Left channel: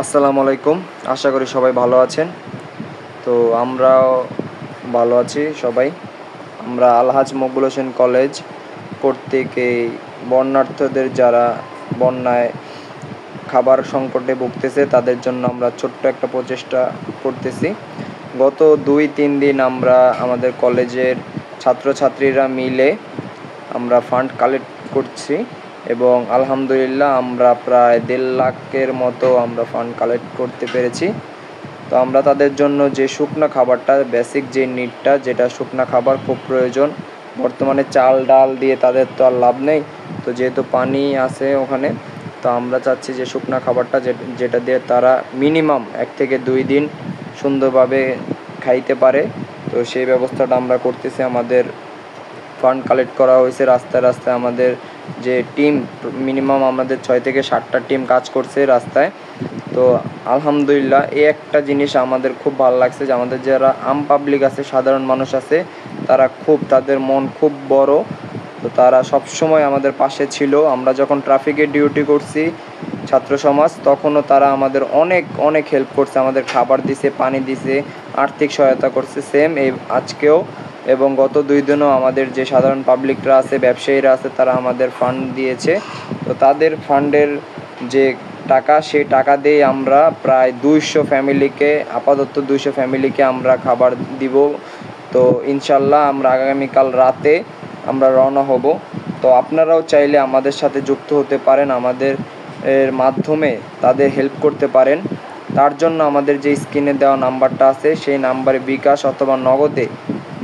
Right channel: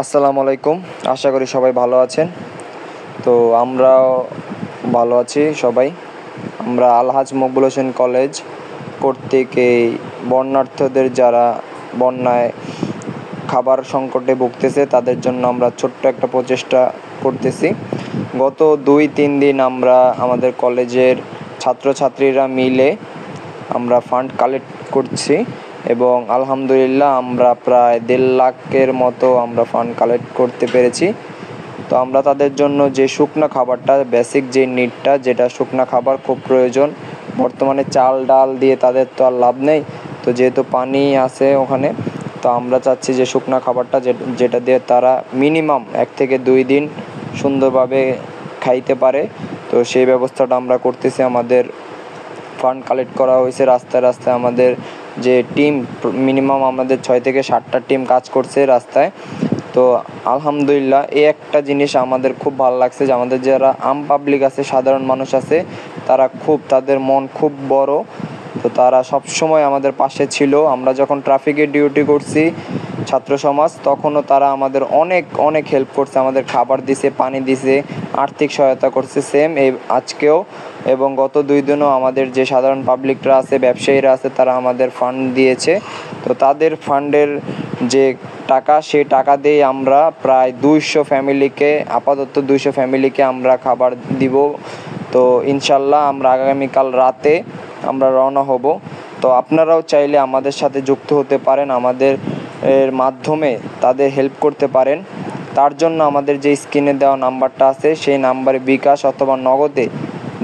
আসসালামু আলাইকুম। আশা করি সবাই ভালো আছেন। তো আমরাও ভালো আছি সবাই। আমরা আলহাজ মকবুল হোসেন কলেজ কর্তৃক এই বন্যার্থদের যারা বন্যায় খাবার সংকটে ভুগতেছে তাদের জন্য আমরা ছোট্ট একটা প্রচেষ্টা করতেছি। গত 2-3 দিন আমরা আমাদের কলেজের ছাত্রছাত্রীরা মিলে আমরা ফান্ড কালেক্ট করছি এবং আলহামদুলিল্লাহ আমরা প্রায় 1.5 লাখের মতো আমরা ফান্ড কালেক্ট করতে পেরেছি। তো আমরা তাদের জন্য যে শুকনো খাবারটা, বেসিক যে নিডটা, যেটা শুকনো খাবার খুব প্রয়োজন, বর্তমানে চাল ডাল দিয়ে তাদের তো আর লাভ নেই। তো যেহেতু পানি আছে ওখানে, তো আমরা চাচ্ছি যে শুকনো খাবারটা যেটা দিয়ে তারা মিনিমাম 1 থেকে 2 দিন সুন্দরভাবে খাইতে পারে, তো সেই ব্যবস্থাটা আমরা করতেছি। আমাদের ফান্ড কালেক্ট করা হয়েছে রাস্তায় রাস্তায়। আমাদের যে টিম, মিনিমাম আমাদের 6 থেকে 7টা টিম কাজ করছে রাস্তায়। তো আলহামদুলিল্লাহ এই একটা জিনিস আমাদের খুব ভালো লাগছে যে আমাদের যারা আম পাবলিক আছে, সাধারণ মানুষ আছে, তাদের মন খুব বড়। তো তারা সব সময় আমাদের পাশে ছিল। আমরা যখন ট্রাফিকের ডিউটি করছি ছাত্র সমাজ, তখনও তারা আমাদের অনেক অনেক হেল্প করছে, আমাদের খাবার দিছে, পানি দিছে, আর্থিক সহায়তা করছে সেম এই আজকেও। এবং গত 2 দিনও আমাদের যে সাধারণ পাবলিকরা আছে, ব্যবসায়ীরা আছে, তারা আমাদের ফান্ড দিয়েছে। তো তাদের ফান্ডের যে টাকা, সেই টাকা দিয়ে আমরা প্রায় 200 ফ্যামিলিকে, আপাতত 200 ফ্যামিলিকে আমরা খাবার দিব। তো ইনশাল্লাহ আমরা আগামীকাল রাতে আমরা রওনা হব। তো আপনারাও চাইলে আমাদের সাথে যুক্ত হতে পারেন, আমাদের মাধ্যমে তাদের হেল্প করতে পারেন। তার জন্য আমাদের যে স্ক্রিনে দেওয়া নাম্বারটা আছে, সেই নাম্বারে বিকাশ অথবা নগদে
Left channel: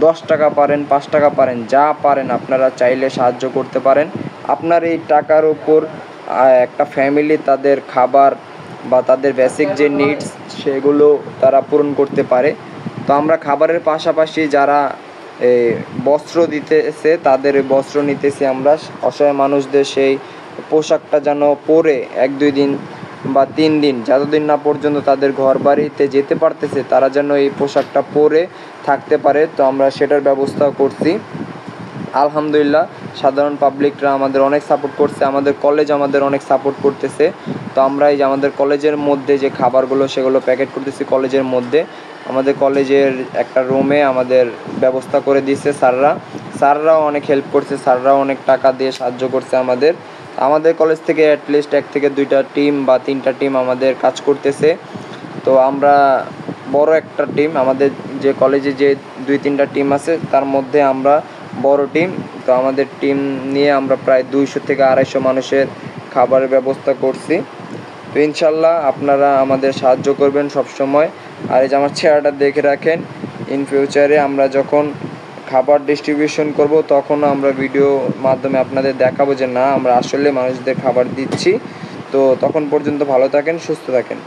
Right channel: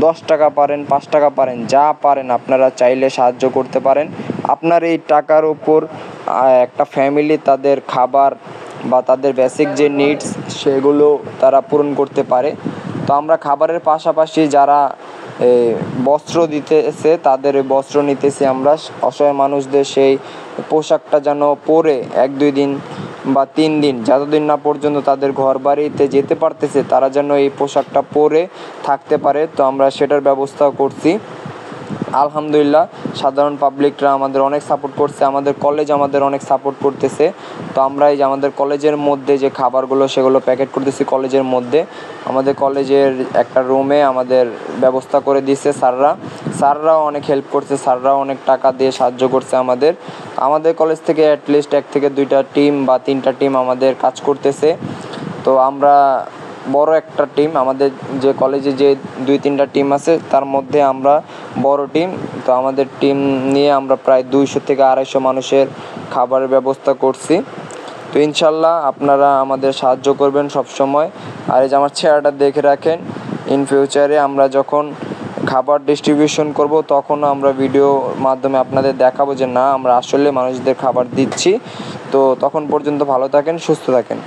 10 টাকা পারেন, 5 টাকা পারেন, যা পারেন আপনারা চাইলে সাহায্য করতে পারেন। আপনার এই টাকার উপর একটা ফ্যামিলি তাদের খাবার বা তাদের বেসিক যে নিডস সেগুলো তারা পূরণ করতে পারে। তো আমরা খাবারের পাশাপাশি যারা বস্ত্র দিতেছে তাদের বস্ত্র নিতেছি আমরা। অসহায় মানুষদের সেই পোশাকটা যেন পরে 1-2 দিন বা 3 দিন, যতদিন না পর্যন্ত তাদের ঘর বাড়িতে যেতে পারতেছে, তারা যেন এই পোশাকটা পরে থাকতে পারে। তো আমরা সেটার ব্যবস্থা করছি। আলহামদুলিল্লাহ সাধারণ পাবলিকরা আমাদের অনেক সাপোর্ট করছে, আমাদের কলেজ আমাদের অনেক সাপোর্ট করতেছে। তো আমরা এই যে আমাদের কলেজের মধ্যে যে খাবারগুলো সেগুলো প্যাকেট করতেছি কলেজের মধ্যে। আমাদের কলেজের একটা রুমে আমাদের ব্যবস্থা করে দিয়েছে স্যাররাও অনেক হেল্প করছে, স্যাররাও অনেক টাকা দিয়ে সাহায্য করছে আমাদের কলেজ থেকে অ্যাটলিস্ট 1 থেকে 2টা টিম বা 3টা টিম আমাদের কাজ করতেছে। তো আমরা বড় একটা টিম, আমাদের যে কলেজে যে 2-3টা টিম আছে তার মধ্যে আমরা বড় টিম। তো আমাদের টিম নিয়ে আমরা প্রায় 200 থেকে 250 মানুষের খাবারের ব্যবস্থা করছি। তো ইনশাল্লাহ আপনারা আমাদের সাহায্য করবেন সব সময়। আর এই যে আমার চেহারাটা দেখে রাখেন, ইন ফিউচারে আমরা যখন খাবার ডিস্ট্রিবিউশন করব তখনও আমরা ভিডিও মাধ্যমে আপনাদের দেখাবো যে না, আমরা আসলে মানুষদের খাবার দিচ্ছি। তো তখন পর্যন্ত ভালো থাকেন, সুস্থ থাকেন।